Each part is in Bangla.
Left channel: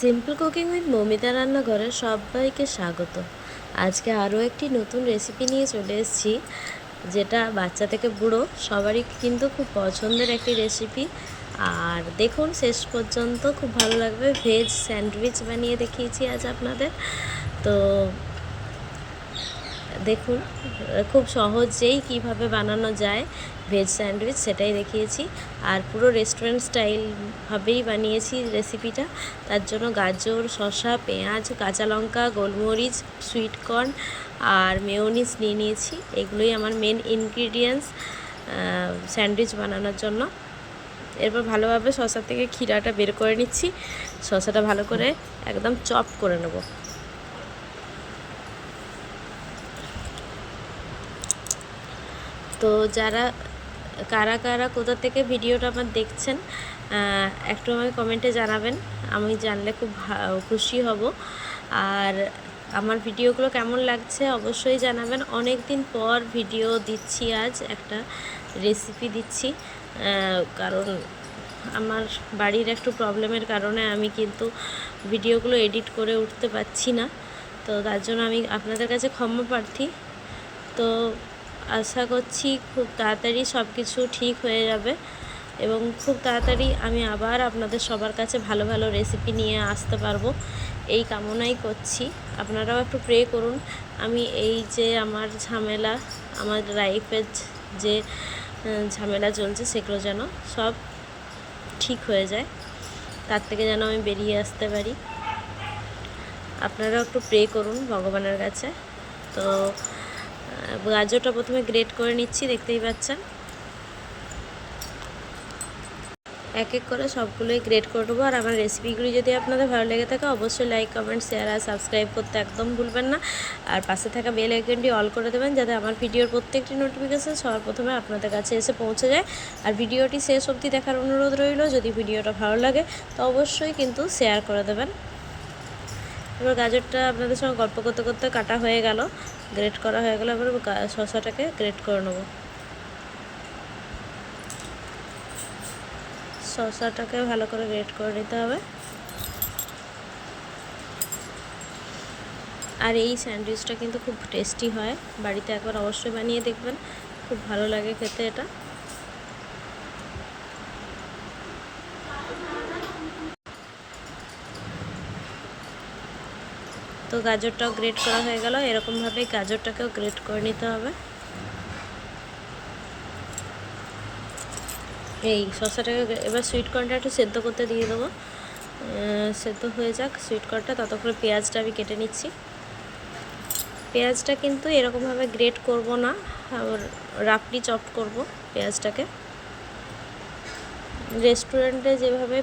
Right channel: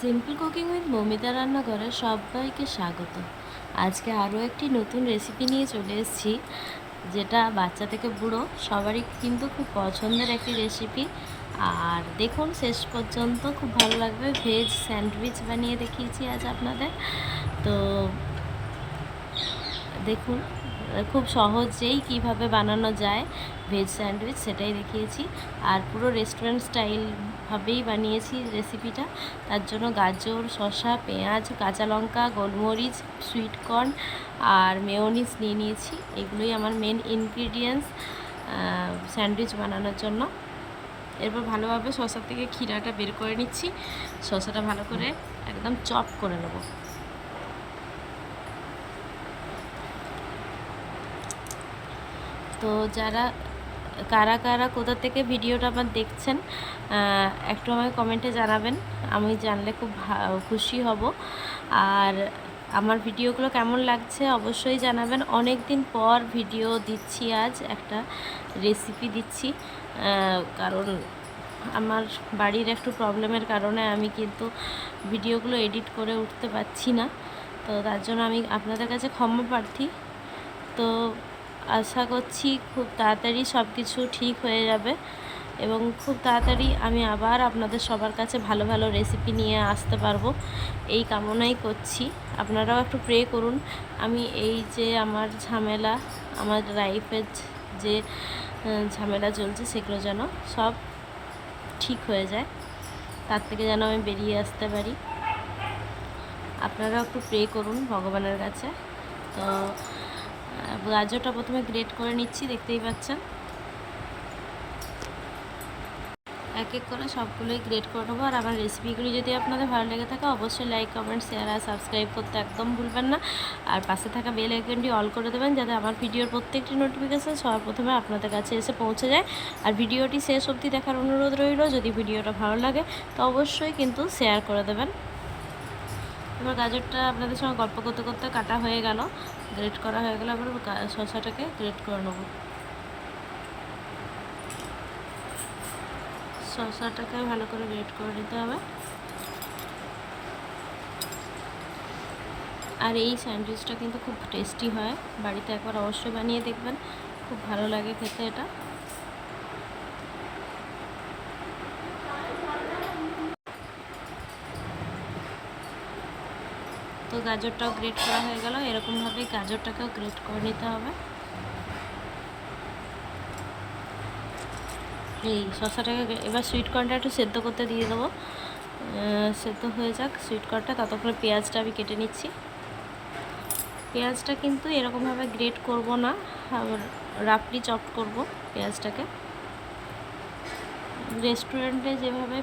সিম্পল কুকিং উইথ মমিতা রান্নাঘরে সবাইকে স্বাগত। আজকে আরও একটি নতুন রেসিপি নিয়ে চলে এসেছি, যেটা বাচ্চা থেকে বুড়ো সবারই কিন্তু খুব পছন্দের একটি রেসিপি। আর দেখুন শেষ পর্যন্ত, খুব ভালো লাগবে। ভেজ স্যান্ডউইচ বানিয়ে দেখিয়েছি আজ আপনাদের। তো দেখুন খুব সহজেই কিভাবে বানানো যায় ভেজ স্যান্ডউইচ, সেটাই দেখিয়েছি। আর পুরো রেস্টুরেন্ট স্টাইলভাবেই বানিয়েছি রেসিপিটা। তার জন্য গাজর, শসা, পেঁয়াজ, কাঁচা লঙ্কা, গোলমরিচ, সুইট কর্ন আর মেয়োনিজ নিয়ে নিয়েছি। এগুলোই আমার মেন ইনগ্রিডিয়েন্টস স্যান্ডউইচ বানানোর জন্য। এরপর ভালোভাবে শসা থেকে ক্ষীরাটা বের করে নিচ্ছি। শসাটা ভালো করে একদম চপ করে নেব। তো কারা কারা কোথা থেকে ভিডিওটা আমার দেখছেন একটু আমাকে কমেন্টে জানাবেন। আমি জানলে খুব খুশি হব। আর আমার ভিডিওগুলো কেমন লাগছে অবশ্যই জানাবেন। অনেক দিন পর ভিডিও দিচ্ছি, আজ একটা রেসিপি দিচ্ছি। কারণ আমার বাড়ির একটু প্রবলেমের কারণে আমি কিন্তু ভিডিওগুলো এডিট করে উঠতে পারছি না। তো তার জন্য আমি আপনাদের কাছে ক্ষমা প্রার্থী। তো আশা করছি খুব তাড়াতাড়ি সব কিছু ঠিক হয়ে যাবে এবং খুব তাড়াতাড়ি আমি আবার আপনাদের সবার কাছে ভালো ভালো রেসিপি নিয়ে আসতে পারবো, এই কামনাই করছি। আপনারাও একটু প্রে করুন। আমি এই যে আমার ঝামেলা, আমার লাইফের যে ঝামেলা চলছে, সেগুলো যেন সব ঠিক হয়ে যায়, তার থেকে যেন আমি বেরিয়ে আসতে পারি। আপনারাও একটু প্রে করুন ভগবানের কাছে। তো গাজরটা প্রথমে গ্রেট করে নিচ্ছি, দেখতেই পাচ্ছেন। এক এক করে সবগুলোই গ্রেট করে নেবো। আর আমার রেসিপিগুলি যদি আপনাদের ভালো লেগে থাকে অবশ্যই লাইক, কমেন্ট, শেয়ার আর সাবস্ক্রাইব করতে একদম ভুলবেন না। আর পাশে থাকা বেল আইকনটি অল করে দেবেন, যাতে আমার ভিডিওর প্রত্যেকটি নোটিফিকেশান সবার প্রথমে আপনাদের কাছে এসে পৌঁছে যায়। আর ভিডিওটি শেষ অবধি দেখার অনুরোধ রইল। যদি ভিডিওটা ভালো লাগে তো অবশ্যই কিন্তু শেয়ার করে দেবেন। এবার গাজরটা আপনাদের সঙ্গে গল্প করতে করতে কাটা হয়ে গেল, গ্রেট করা হয়ে গেল। এবার শসাটাকে গ্রেট করে নেবো। শসাটাকে ভালো করে গ্রেট করে নিতে হবে। আর এই স্যান্ডউইচটা কিন্তু খুব টেস্টি হয়, বাড়িতে একবার অবশ্যই বানিয়ে দেখবেন, খুব ভালো লাগে খেতে এটা। তো গাজরটাও গ্রেট করা হয়ে গেল। এরকমভাবেই গাজরটাকেও গ্রেট করে নিতে হবে। এই শসাটাকে এবার সুইট কর্নটা একটু সেদ্ধ করতে দিয়ে দেবো, সেদ্ধ হয়ে যাক সুইট কর্নটা। ততক্ষণে পেঁয়াজটা আমি কেটে নিচ্ছি। পেঁয়াজটা কিন্তু এরকমভাবে গ্রেট করব না, রাফলি চপ করব পেঁয়াজটাকে। রেস্টুরেন্টে যেভাবে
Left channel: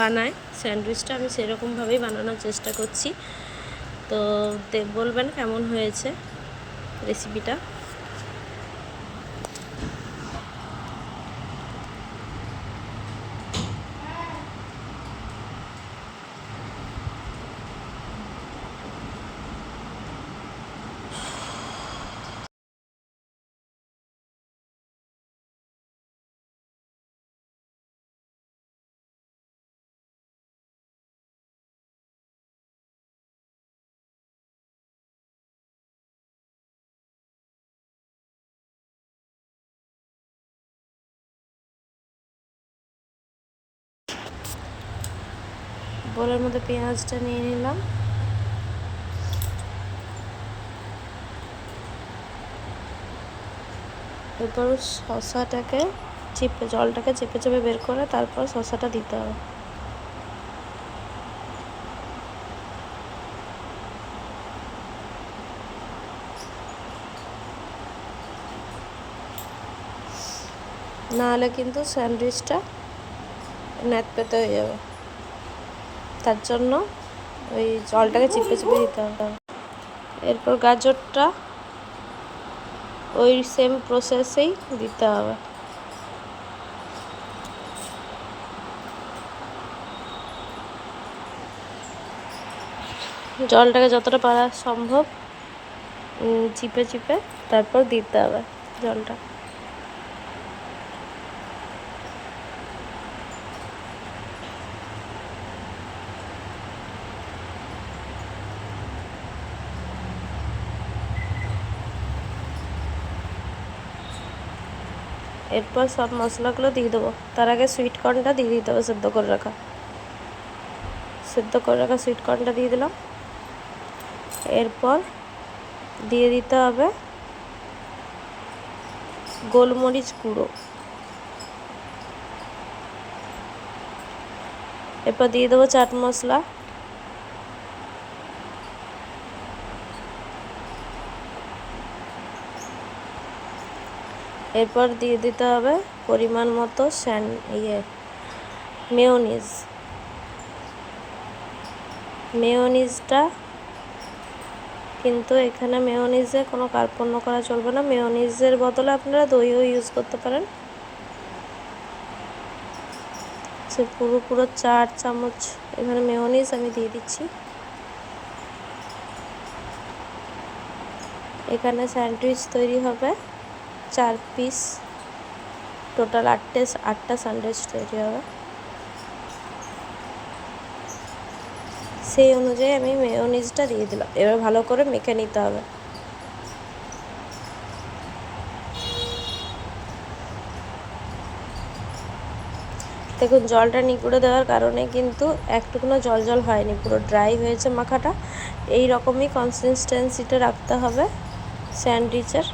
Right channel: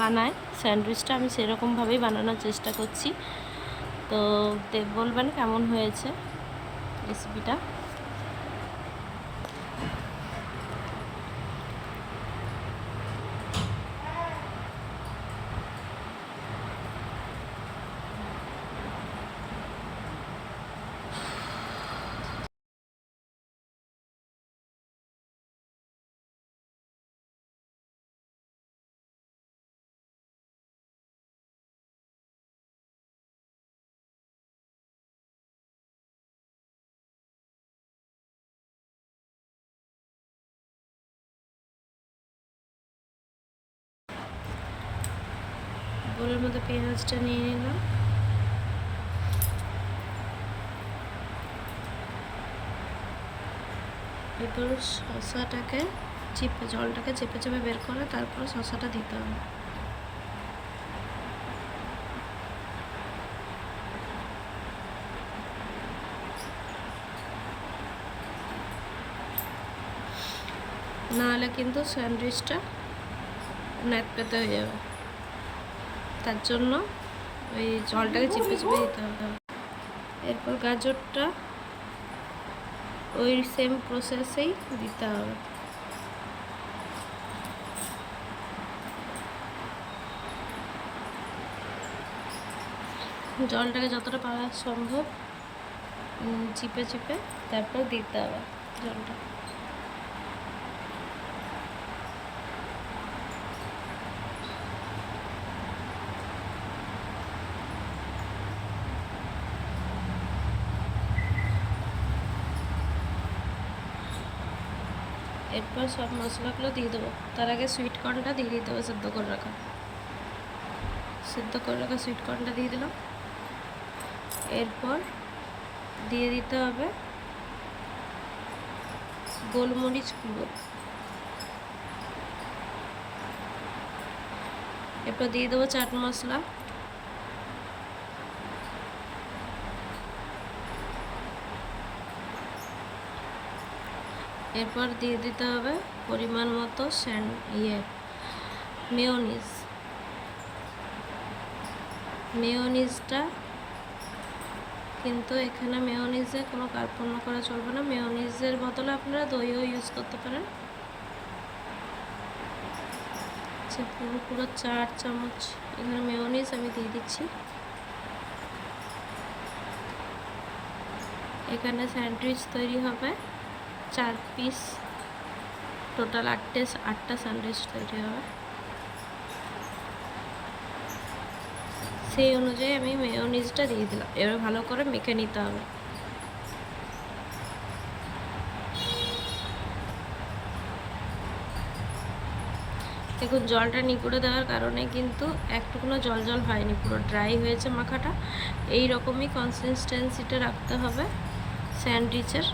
বানায় স্যান্ডউইচটা, আমি সেরকমভাবেই বানানোর চেষ্টা করছি। তো বলবেন কেমন হয়েছে রেসিপিটা। বোলের মধ্যে পেঁয়াজটা নিয়ে নিলাম। এরপর শসাটাকে জলটাকে চেপে চেপে বের করে তারপর শসাটা দিতে হবে। নাহলে কিন্তু স্যান্ডউইচটা ন্যাতপেতে হয়ে যাবে, তার জন্য ওই জলটাকে চিপে চিপে দিতে হবে। এরপর গাজরটা ওই সেম প্রসেসেই দিতে হবে। জলটাকে যতটা পারা সম্ভব চিপে চিপে তারপর দিতে হবে জলটা। এরপর সব মশলাগুলো দিয়ে দেবো। তার আগে সুইট কর্নটা দিয়ে দিতে হবে, সেদ্ধ করে রাখা সুইট কর্নটা দিয়ে দিলাম। এরপর দিয়ে দিতে হবে গোলমরিচ গুঁড়ো। এরপর দিয়ে দেবো চাট মশলা। এরপর দিয়ে দিতে হবে পরিমাণ মতো মেয়োনিজটা কিন্তু এখানে মেয়োনিজে কোনো কার্পণ্য করা চলবে না। মেয়োনিজের বদলে আপনারা দইও ইউজ করতে পারেন। সে পুরো 4 চামচ এখানে মেয়োনিজ আমি দিয়ে দিচ্ছি। এখানে স্যান্ডউইচ তৈরি হবে 4 পিস, টোটাল 8টা স্যান্ডউইচ তৈরি হবে। সেই অনুযায়ী আমি মেয়োনিজটা দিয়ে দিলাম। এবার ভালো করে মেখে নিতে হবে। দেখুন জলটা নিগুড়ে দেওয়ার কারণে কিন্তু একটুকুনো জল হয়নি, পুরো ড্রাই হয়েছে মাখাটা। এই রকমই কনসিস্টেন্সিটা রাখতে হবে স্যান্ডউইচের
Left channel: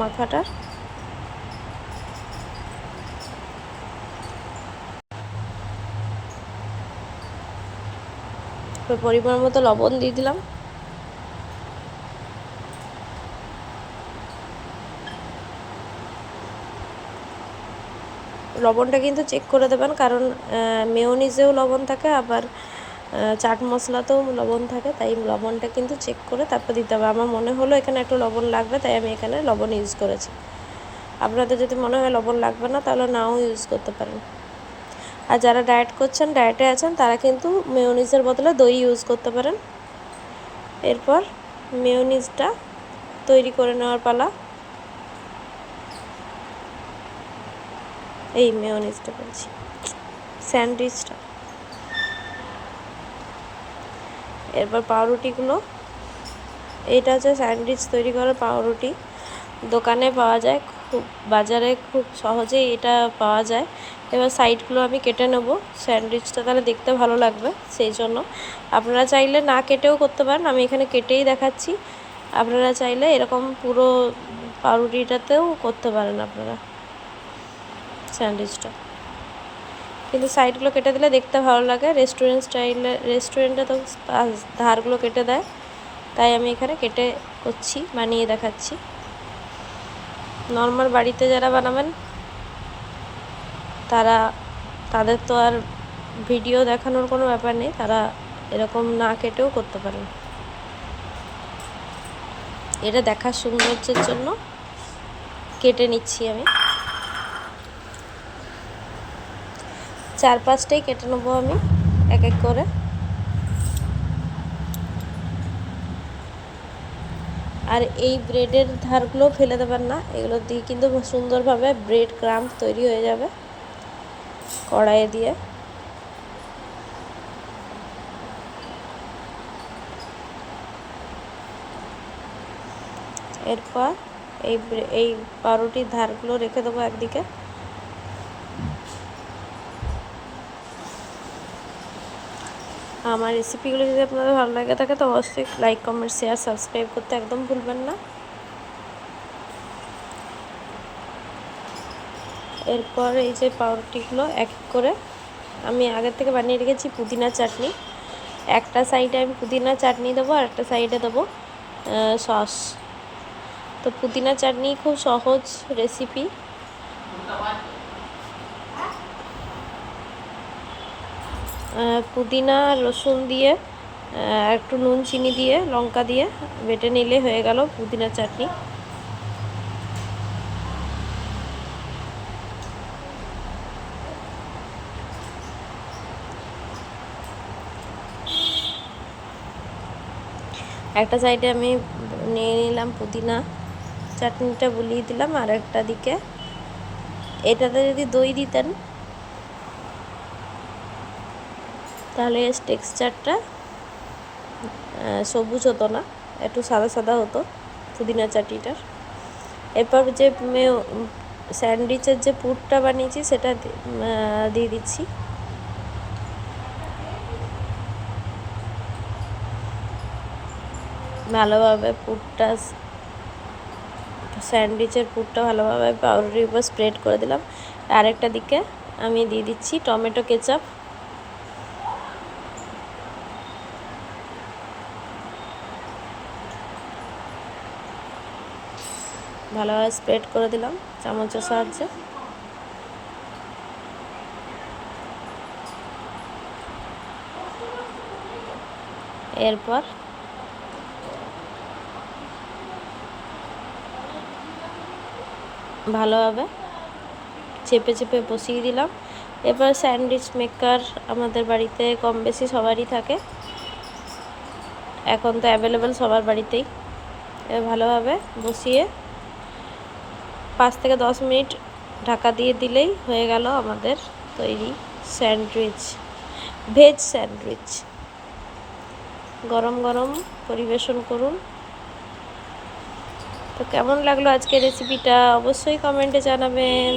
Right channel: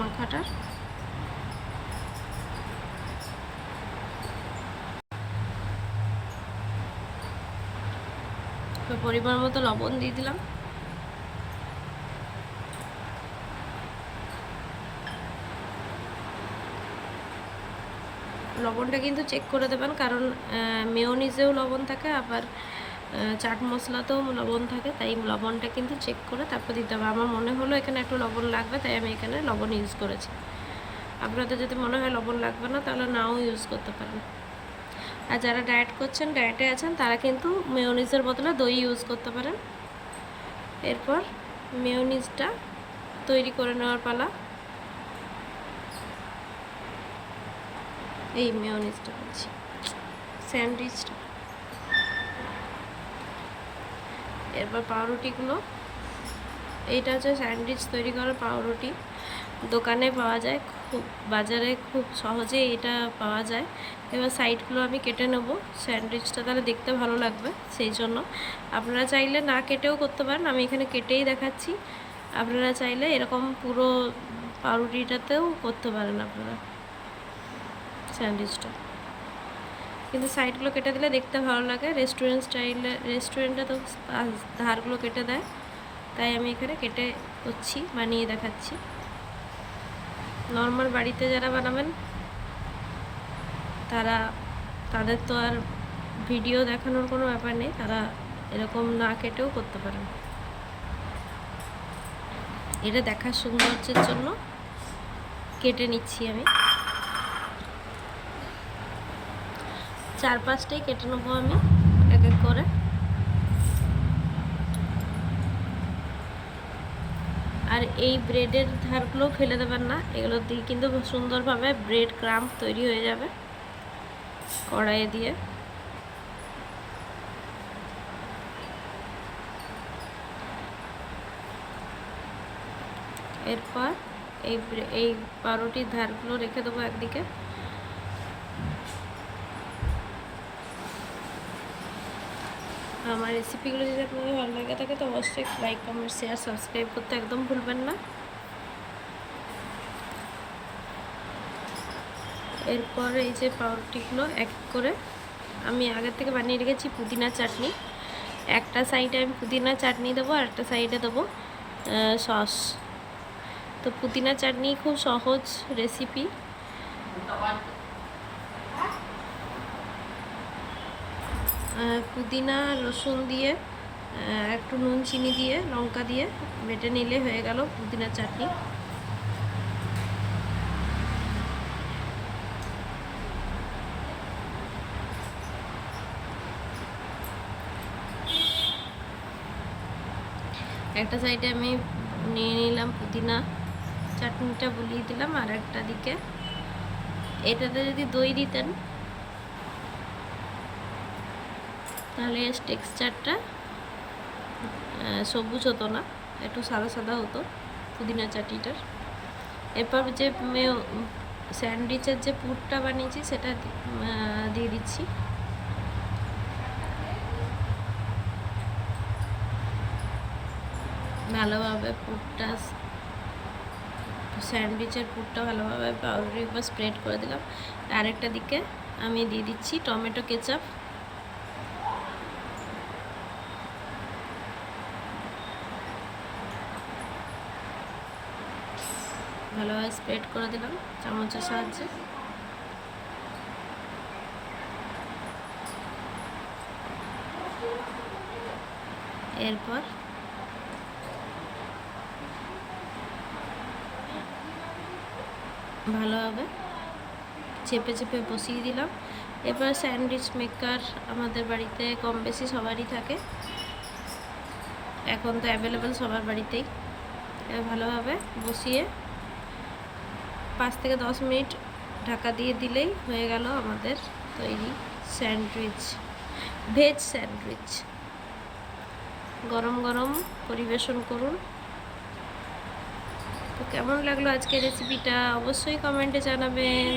মাখাটার। পরিমাণ মতো লবণ দিয়ে দিলাম। লবণটা কিন্তু চেক করে দেবেন, কারণ মেয়োনিজেও লবণ থাকে, আবার চাট মশলাতেও লবণ থাকে, তাই লবণটা কিন্তু চেক করে তারপর দিতে হবে। আমার মনে হলো এখানে একটু লবণ লাগবে, তাই আমি এখানে লবণ ইউজ করেছি। আপনাদের যদি মনে হয় লবণ লাগবে না, তাহলে নাও ইউজ করতে পারেন। আর যারা ডায়েটে আছেন তারা কিন্তু মেয়োনিজের বদলে দই ইউজ করতে পারেন। এরপর মেয়োনিজটা তৈরি করে নেওয়ার পালা। এই মেয়োনিজটা বলছি, স্যান্ডউইচটা। এরপর পাউরুটিগুলো, এইটা হচ্ছে স্যান্ডউইচ তৈরি করার পাউরুটি। দোকানে পাওয়া যায়, বাজারে খুব সহজেই এটা পাওয়া যায়। এবার সাইডগুলো আমি কেটে নেব, স্যান্ডউইচটা তাহলে দেখতে ভালো লাগবে সেই জন্য। আপনারা চাইলে না কেটেও করতে পারেন, আমি এখানে কেটেই দেখাচ্ছি। আপনারা চাইলে এরকম পুরো পাউরুটিটাতেও করতে পারেন আপনারা স্যান্ডউইচটা, কিন্তু সাইডগুলো কেটে দিলে দেখতে ভালো লাগে। রেস্টুরেন্টে তো ধারগুলো কেটে দেয়, তাই আমি এখানে কেটে বানিয়ে দেখাচ্ছি। নর্মাল বাড়িতে যারা বানাবেন তাদের তো আর ভিডিও দেখানোর কোনো ব্যাপার নেই, তারা এরকম না কেটেও করতে পারেন। এটা দেখার সৌন্দর্যের জন্য কেটে নিচ্ছি আমি। 4-5টাই কেটে নেবো আমি এক এক করে। আর এই ব্রেডের ধারগুলো ফেলে দেবেন না, এগুলো দিয়ে কিন্তু সুন্দরভাবে ব্রেড ক্রাম্ব তৈরি হয়ে যাবে কড়াইয়ে দিয়ে। এরপর এই পাউরুটির ধারগুলো রেখে দেবো একদিকে। আমার রেসিপিগুলো যদি আপনাদের ভালো লাগে থাকে তো অবশ্যই লাইক, কমেন্ট, শেয়ার, সাবস্ক্রাইব করতে একদম ভুলবেন না। এরপর এই যে পাউরুটিগুলো এক এক করে আমি আগের থেকে বানিয়ে রেখেছি পুদিনা চাটনি। একটা সাইডে আমি পুদিনা চাটনি দেবো আর একটা সাইডে দেবো সস। তো পুদিনা চাটনি খুব সহজ রেসিপি। পুদিনা রসুন দিয়ে একটু নুন চিনি দিয়ে লঙ্কা দিয়ে বেটে নিলে হয়ে গেল পুদিনা চাটনি। একটা সাইডে আমি নিয়ে নিলাম পুদিনা চাটনিটা, বুলিয়ে দিলাম। আর একটা দিকে এটাতে যদি দই দিতেন তাহলে এর টেক্সচারটা সবুজ হতো না, একটু সাদা সাদা হতো পুদিনা চাটনিটার। এরপর যে স্যান্ডউইচের যে পুরটা বানিয়েছি সেটা দিয়ে দিচ্ছি। ভালোভাবে পুরটা, স্যান্ডউইচের পুরটা ভালোভাবে পাউরুটির উপর স্প্রেড করে দিলাম। আরেকটা দিকে আমি দিয়ে দিচ্ছি টমেটো কেচাপ। ভালোভাবে স্প্রেড করে দিলাম চামচের সাহায্যে। এরপর ভালোভাবে চেপে চেপে বসিয়ে দিলাম। এবার স্যান্ডউইচ মেকার আমাদের বাড়িতে কম বেশি সবারই থাকে, এখন তো অ্যাভেলেবেল সবার বাড়িতেই। ভালোভাবে বসিয়ে 5 থেকে 10 মিনিট ঢাকা দিয়ে দিলেই হয়ে গেল আমাদের তৈরি স্যান্ডউইচ, ভেজ স্যান্ডউইচ। গরম গরম পরিবেশন করুন। তো কেমন লাগলো আজকের রেসিপিটা অবশ্যই কমেন্টে জানাবেন।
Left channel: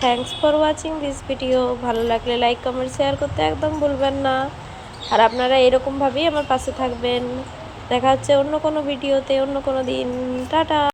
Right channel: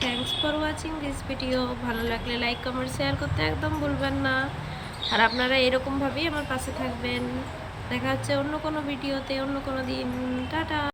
Thanks for watching this video. ভালো লাগলে লাইক কমেন্ট শেয়ার করতে একদম ভুলবেন না। আর আপনারা এরকমভাবেই আমার পাশে থাকবেন। দেখা হচ্ছে অন্য কোনো ভিডিওতে অন্য কোনো দিন। টাটা।